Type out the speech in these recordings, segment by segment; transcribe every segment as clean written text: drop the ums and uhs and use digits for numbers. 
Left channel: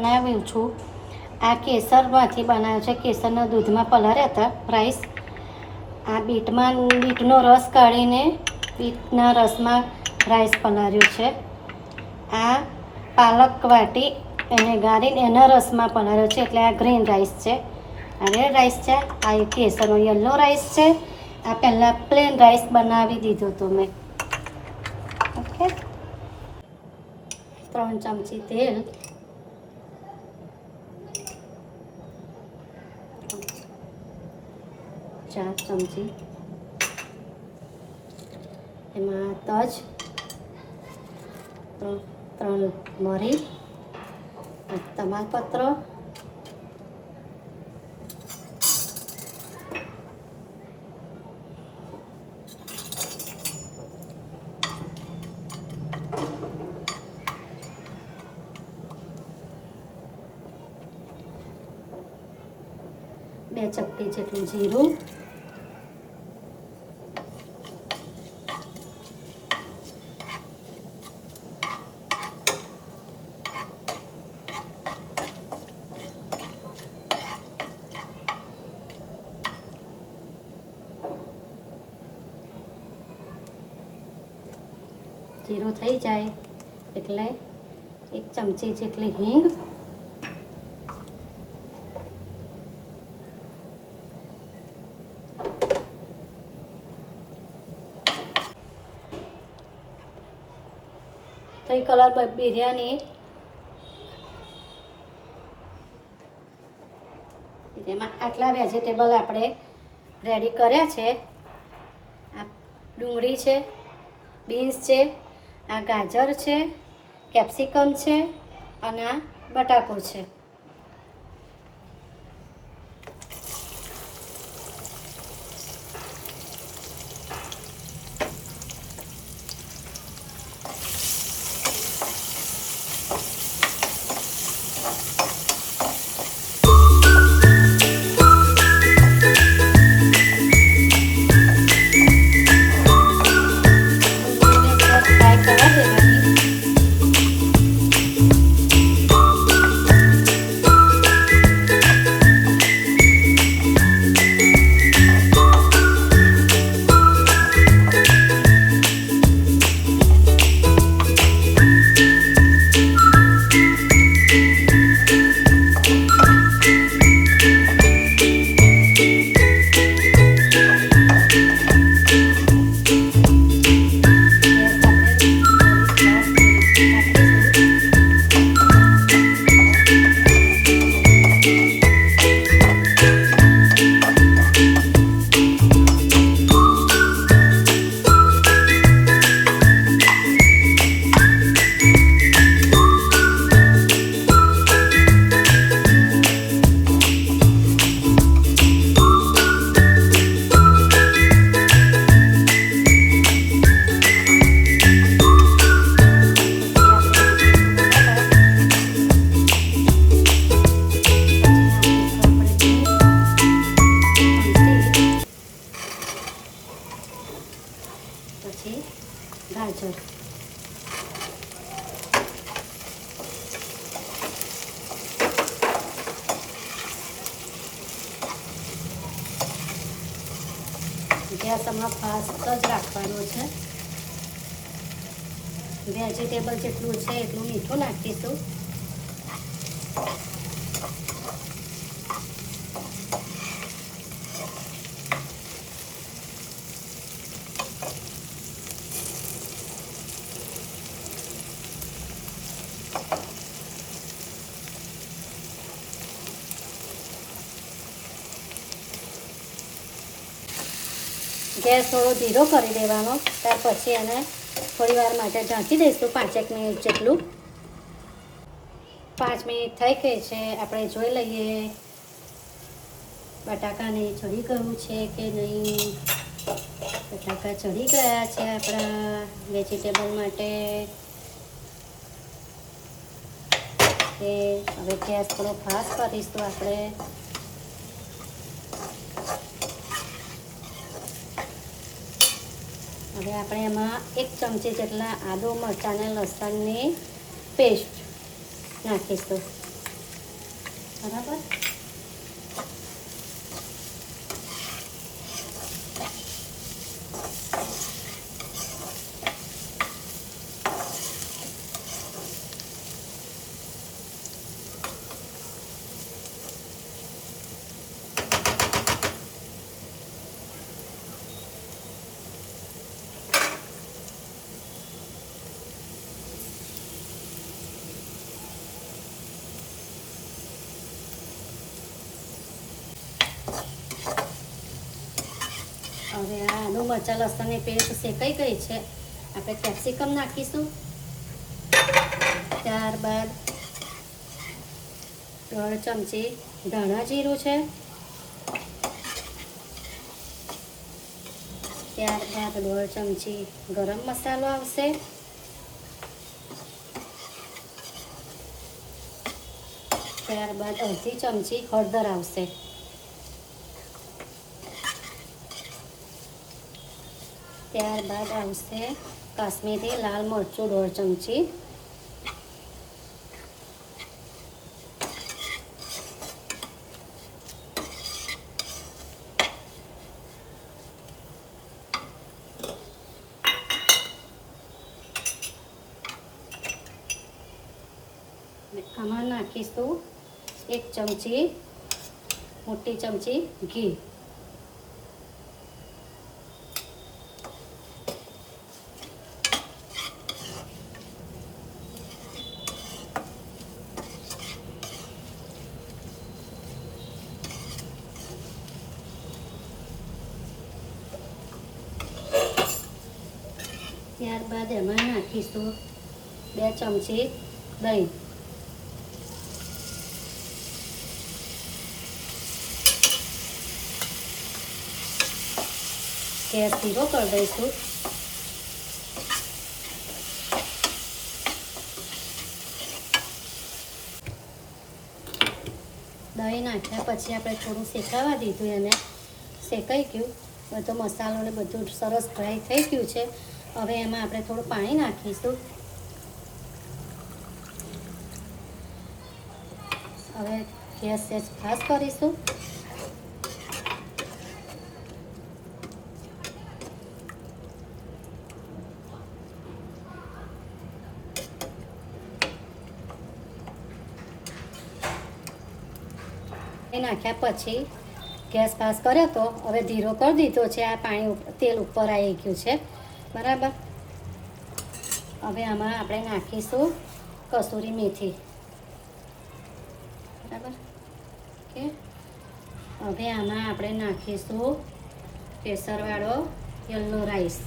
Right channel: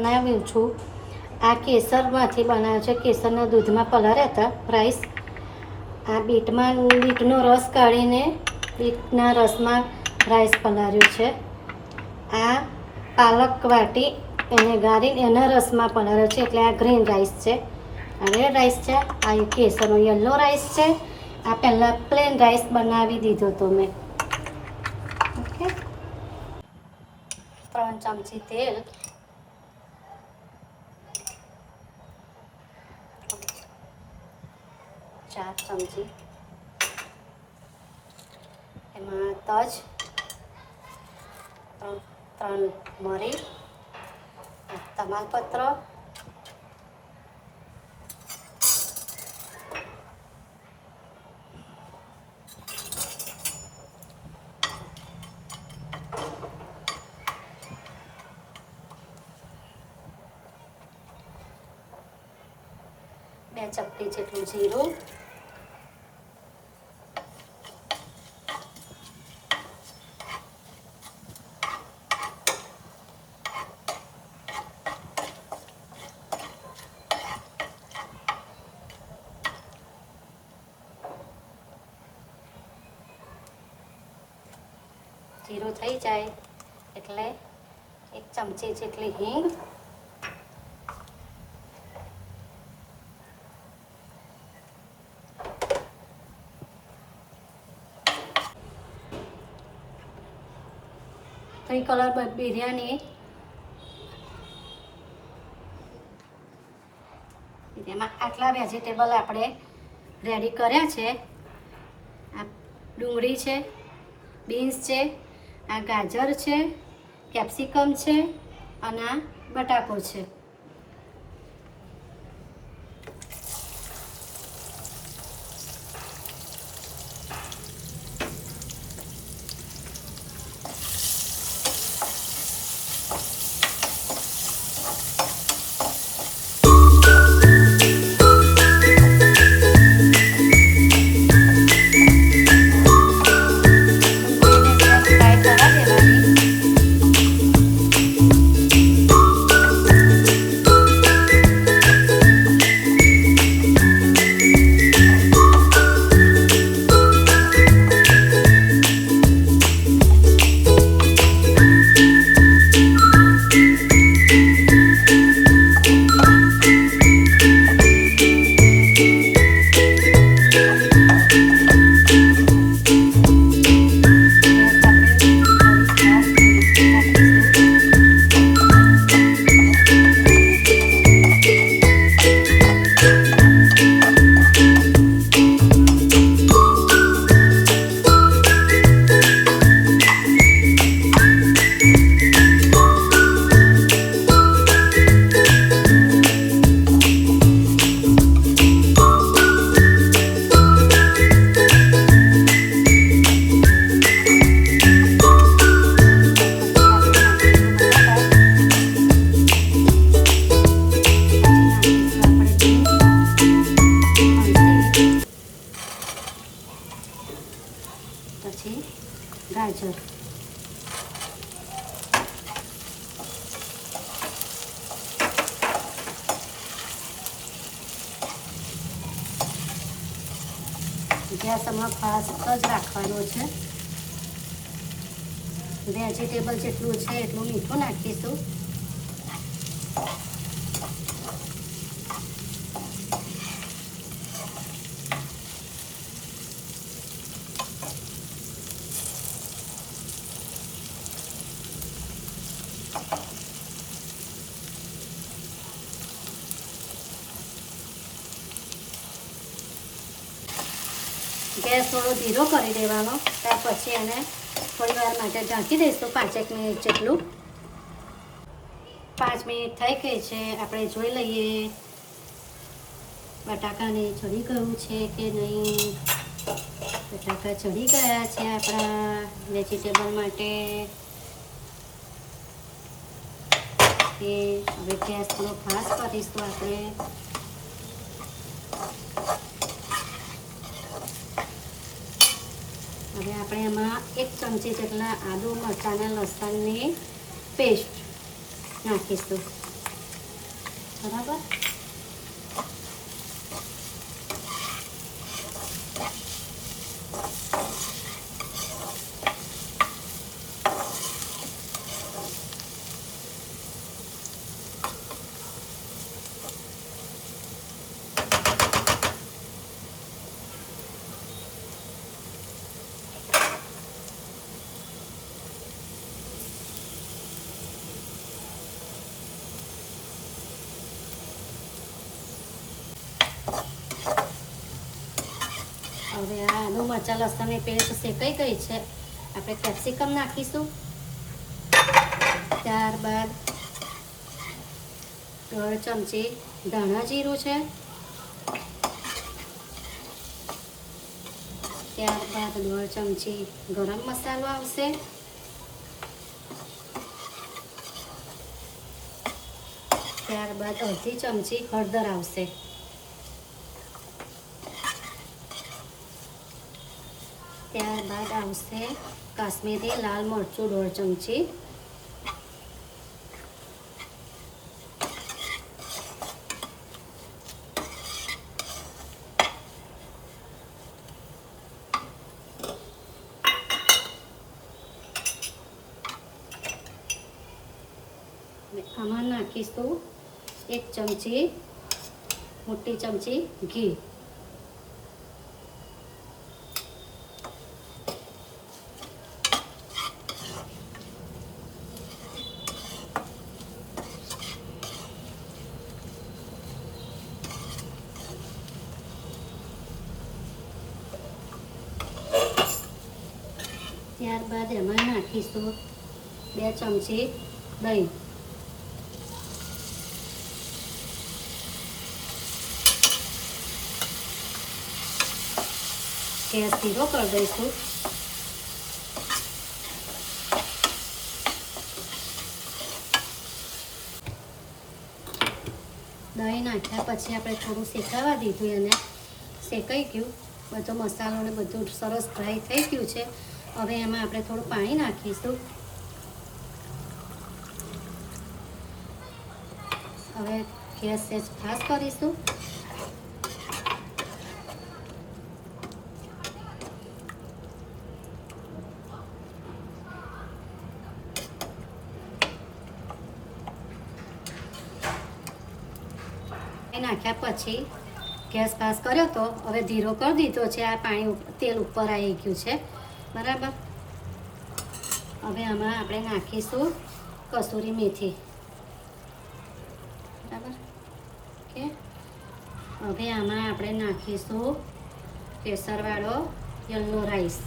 બનાવ્યું છું. આ કેસરમાંથી બનાવ્યું છે. કેસરના દૂધમાં પલાળ્યા હતા રાઈસ. આ બીટનો રસ કાઢીને બીટના રસમાં રાઈસ પલાળ્યો છે. આ પાલક વાટી એને ગાળીને એના રસમાં પલાળ્યો છે, એટલે આ ગ્રીન રાઈસ છે. આ રેડ રાઈસ છે. આ કેસરનો યલો રાઈસ છે. આ પહેલાં પ્લેન રાઈસ બનાવી દીધો તો મેં. ઓકે, 3 ચમચી તેલ, 4 ચમચી એમાં તજ, 3 મરી, તમાલપત્ર, બે ચપટી જેટલું જીરું, જીરું થઈ જાય એટલે 1 ચમચી જેટલી હિંગ, કલર બિરયાની એમાં આટલા વેજીટેબલ આપણે રેડી કર્યા છે. આ ડુંગળી છે, બીન્સ છે, આ ગાજર છે, કેપ્સિકમ છે અને આ બટાકો છે. પછી ગાજર, ગેસમાં ફાસ્ટ જ રાખવાનો છે. વેજીટેબલ જેટલું છે એટલું મીઠું નાખીશું. ગેસ થોડો ધીરો કરી દેવાનો. ત્યાર પછી એને થોડી વાર માટે ઢાંકી દઈશું 5 મિનિટ જેટલું. 5 મિનિટ થઈ ગઈ છે. આપણે જોઈ લઈએ બટાકાને ચડી ગયું છે કે નહીં. બટાકા ચડી ગયા છે આપણા વેજીટેબલ માટે. હવે ગેસ થોડો ફાસ્ટ કરીશું આપણે. હવે આપણે એમાં 1 ચમચી જેટલા આદુ મરચાંના લસણની પેસ્ટ નાખીશું. બરાબર. હવે આ આદુ મરચાં લસણની પેસ્ટ શેકાઈ ગઈ છે. આપણે કેપ્સિકમ નાખીશું. ત્યારબાદ 1 ચમચી ધાણા જીરું છે. ત્યારબાદ 1 ચમચી ગરમ મસાલો આવશે. ત્યારબાદ 1/2 ચમચી હળદર આવશે. ત્યારબાદ આવશે કાશ્મીરી લાલ મરચું 1/2 ચમચી. આમાં નાખીશું 1 ચમચી મોટી ચમચી ઘી. ત્યારબાદ એમાં નાખીશું 2 ચમચી દહીં. ગેસ ધીરો કરી દઈશું. દહીં નાખ્યા પછી આપણે થોડું શેકાવા દીધું. એને શેકાઈ ગયું. બધો મસાલો ને બધું સરસ ડ્રાય થઈ ગયું છે. હવે એમાં આપણે થોડું પાણી નાખીશું. હવે ગેસ સેજ ફાસ્ટ કરીશું. નાખ્યા પછી ગેસ પાસ કર્યો તો હવે ધીરો કરી દીધો છે. આ પાણી તેલ ઉપર આવી ગયું છે. બરાબર. હવે આમાં આપણે નાખીશું કસૂરી મેથી. બરાબર. ઓકે. હવે આમાં આપણે નાખીશું કેસરવાળો યલો રાઈસ.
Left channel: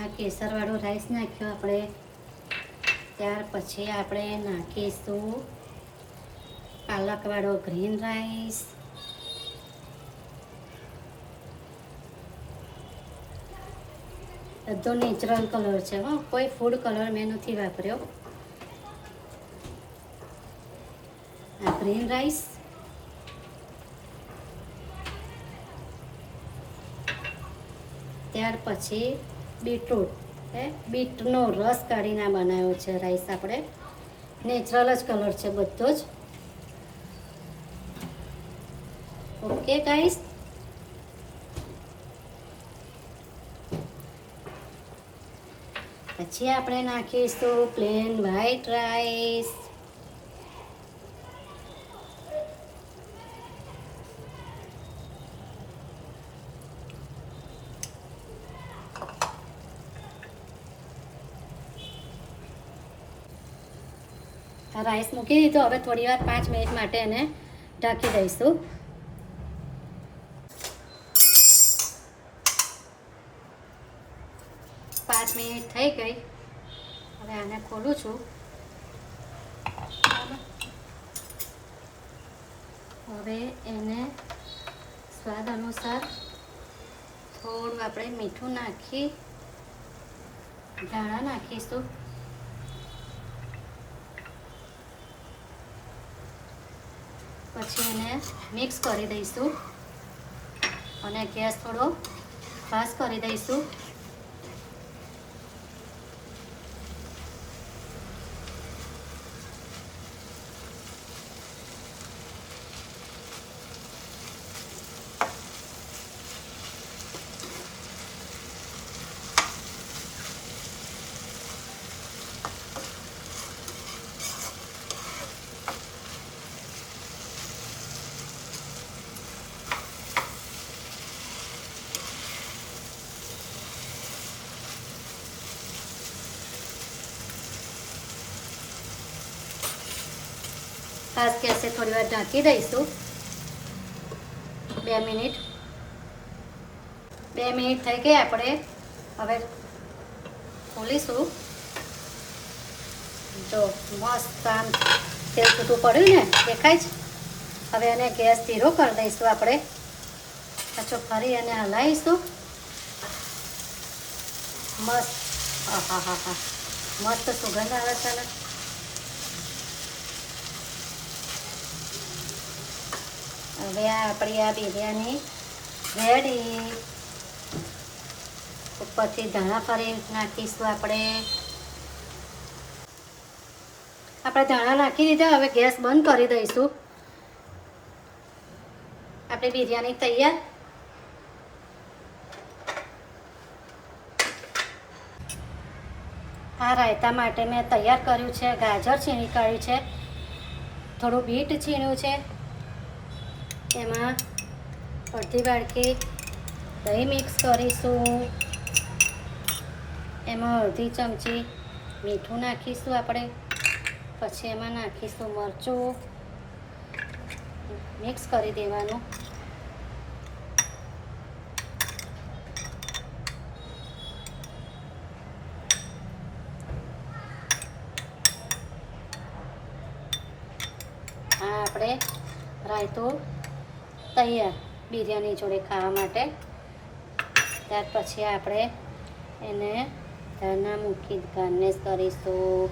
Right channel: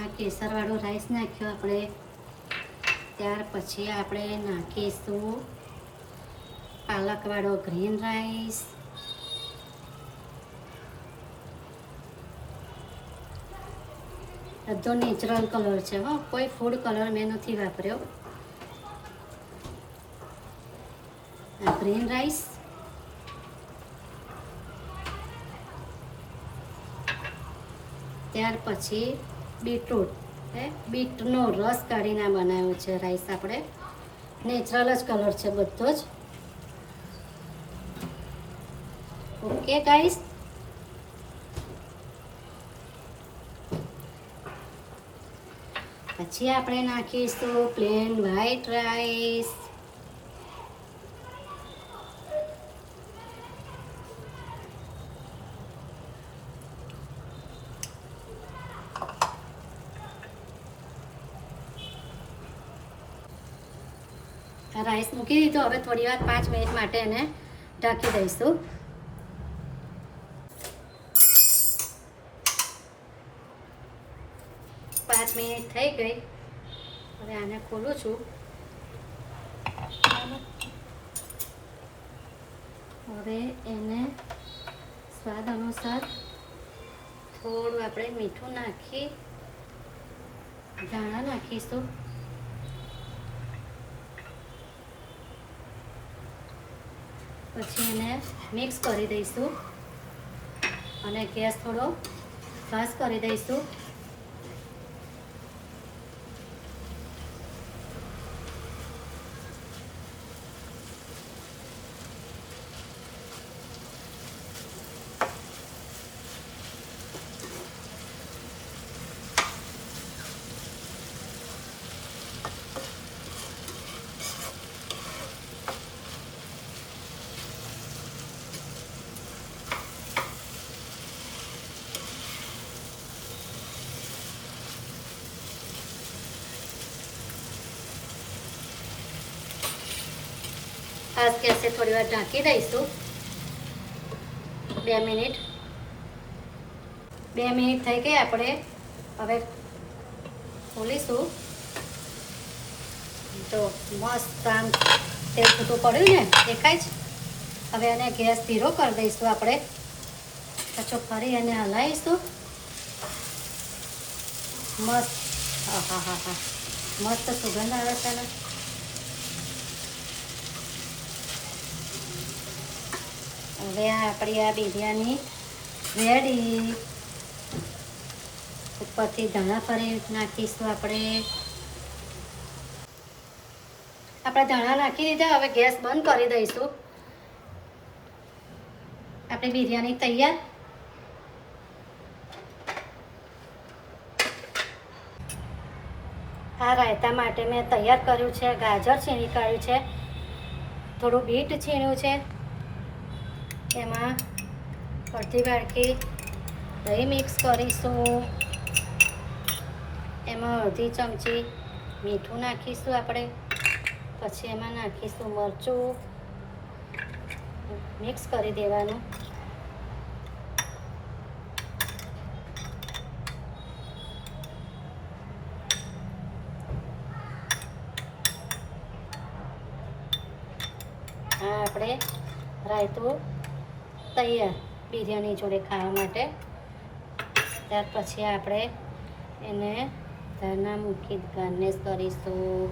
આ કેસરવાળો રાઈસ નાખ્યો આપણે. ત્યાર પછી આપણે નાખીશું પાલકવાળો ગ્રીન રાઈસ. બધો નેચરલ કલર છે. કોઈ ફૂડ કલર મેં નથી વાપર્યો. આ ગ્રીન રાઈસ. ત્યાર પછી બીટરૂટ. બીટનો રસ કાઢીને બનાવ્યો છે રાઈસ. આપણે નેચરલ જ કલર છે બધો જ. Okay guys. પછી આપણે નાખીશું પ્લેન વ્હાઈટ રાઈસ. રાઈસ મૂકી દીધો. હવે થોડી વાર 5 મિનિટ માટે એને ઢાંકી દઈશું. મિનિટ થઈ ગઈ. હવે આને ખોલું છું. હવે એને સ્વાદ અનુસાર થોડું આપણે મીઠું નાખી ધાણા નાખીશું. પછી એને મિક્સ કરી દઈશું અને ગેસ થોડો ફાસ્ટ કરી દઈશું. આ ગેસે થોડી વાર ઢાંકી દઈશું. 2 મિનિટ થઈ ગઈ. આપણે હવે ખોલીશું. તો મસ્ત આમ તેલ છૂટું પડ્યું ને દેખાય છે. હવે એને ગેસ ધીરો કરી દઈશું. આપણે પાછું ફરી એને હલાવીશું. મસ્ત મસ્ત સુગંધ આવે છે. હવે આપણી આ બિરયાની રેડી. ઉપરથી ધાણા ફરી નાખીશું. આપણે ધાણા નાખી દીધા. હવે ગેસ બંધ કરી દઈશું. આપણી બિરયાની તૈયાર. આ રાયતા માટે મેં તૈયાર કર્યું છે. ગાજર છીણી કાઢ્યું છે, થોડું બીટ છીણ્યું છે, એમાં અડધી વાટકી દહીં મિક્સ કરીશું. એમાં અડધી ચમચી મીઠું નાખીશું આપણે. પછી એમાં નાખીશું મરચું, મિક્સ કરી દેવાનું. આ આપણે રાયતું તૈયાર બિરયાની જોડે ખાવા માટે. ત્યાર પછી આપણે એને ધાણા મૂકી ગાર્નિશ કરીશું.